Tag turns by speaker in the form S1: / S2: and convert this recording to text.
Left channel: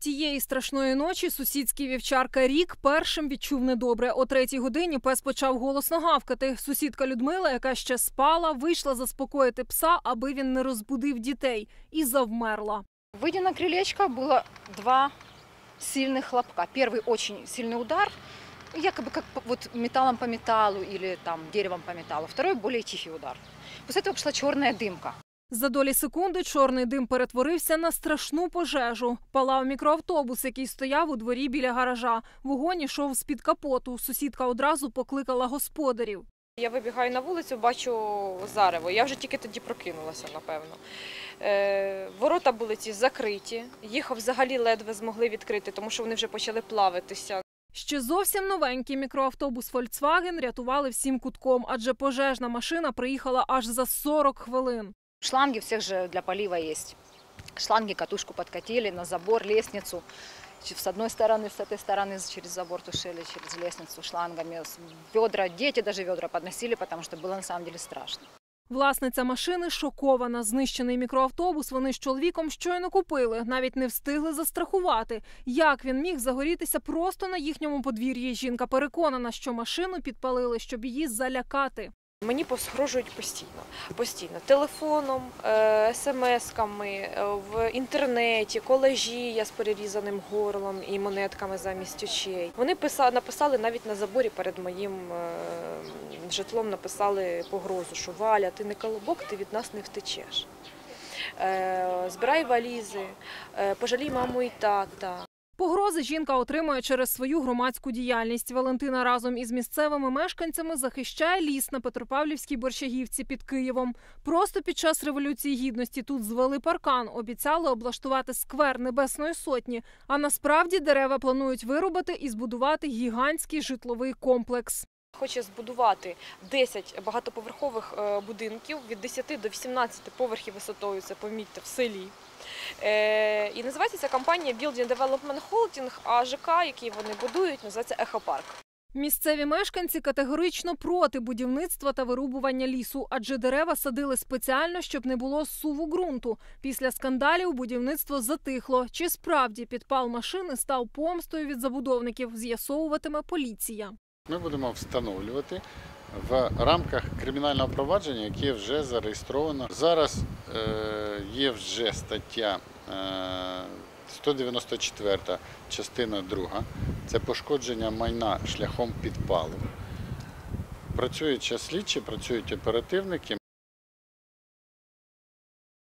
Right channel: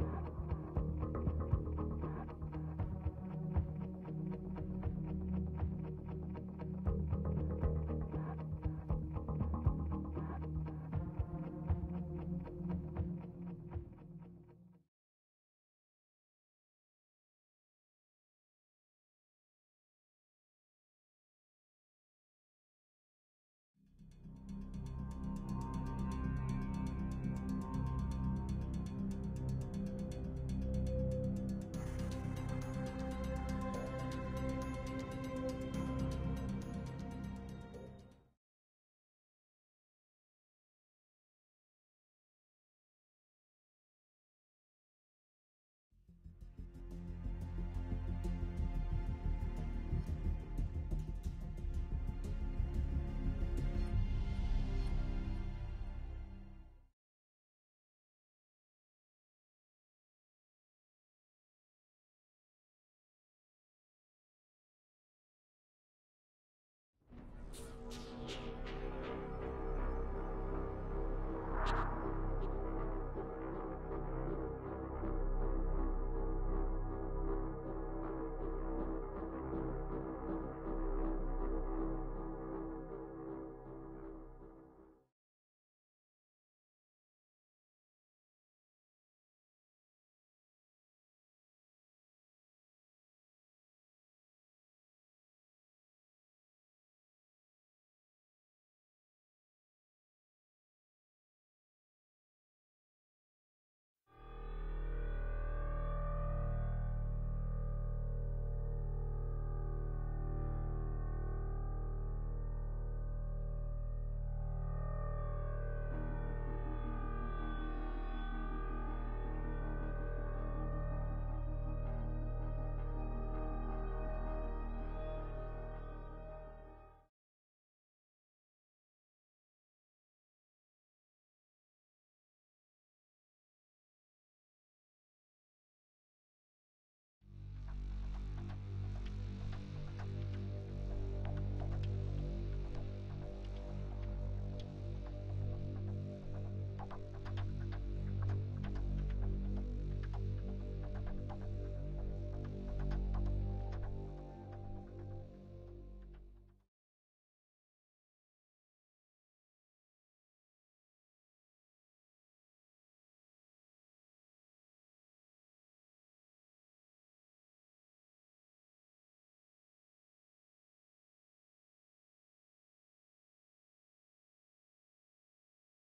S1: Тієї страшної ночі сусідський вівчарка Рік першим відчув недобре. О третій годині пес почав голосно гавкати. Сусідка Людмила, яка ще спала, вийшла заспокоїти пса, аби він не розбудив дітей, і завмерла.
S2: Выйдя на крылечко, было два сильных хлопка. Первый очень сильный удар, якобы как по- вот металлом по металлу или там деревом по металлу. Второй более тихий удар. После этого пошла черная дымка.
S1: За долі секунди чорний дим перетворився на страшну пожежу. Палав мікроавтобус, який стояв у дворі біля гаража. Вогонь ішов з під капоту. Сусідка одразу покликала господарів.
S3: Я вибігаю на вулицю, бачу зарево. Я вже тільки тоді прокинулася, напевно. Е, ворота були ці закриті, їх взагалі ледве змогли відкрити, тому що вони вже почали плавитися.
S1: Ще зовсім новенький мікроавтобус Volkswagen рятували всім кутком, адже пожежна машина приїхала аж за 40 хвилин.
S2: Шланги у всех же для полива есть. Шланги катушку подкатили на забор, лестницу. Ч- С одной стороны, с этой стороны через забор тушили, через лестницу шлангами. С- Ведра, дети даже ведра подносили, потому что было на самом деле страшно.
S1: Власниця машини шокована. Знищений мікроавтобус вони з чоловіком щойно купили, навіть не встигли застрахувати. Як він міг загорітися просто на їхньому подвір'ї? Жінка переконана, що машину підпалили, щоб її залякати.
S3: Мені погрожують постійно, постійно телефоном, е, смс-ками, е, в інтернеті, колежі я з перерізаним горлом і монетками замість очей. Вони писали, написали навіть на заборі перед моїм е, житлом написали погрозу, що Валя, ти не колобок, ти від нас не втечеш. Збирай валізи, пожалій маму і тата.
S1: Погрози жінка отримує через свою громадську діяльність. Валентина разом із місцевими мешканцями захищає ліс на Петропавлівській борщагівці під Києвом. Просто під час революції гідності тут звели паркан, обіцяли облаштувати сквер Небесної сотні. А насправді дерева планують вирубати і збудувати гігантський житловий комплекс.
S3: Хоче збудувати 10 багатоповерхових е, будинків від 10 до 18 поверхів висотою, це помітьте, в селі. Е, І називається ця компанія Building Development Holding, а ЖК, який вони будують, називається Ехопарк.
S1: Місцеві мешканці категорично проти будівництва та вирубування лісу, адже дерева садили спеціально, щоб не було суву ґрунту. Після скандалів будівництво затихло. Чи справді підпал машини став помстою від забудовників? З'ясовуватиме поліція.
S4: Ми будемо встановлювати в рамках кримінального провадження, яке вже зареєстровано. Зараз е, є вже стаття е, 194, частина 2. Це пошкодження майна шляхом підпалу. Працюють час слідчі, працюють оперативники.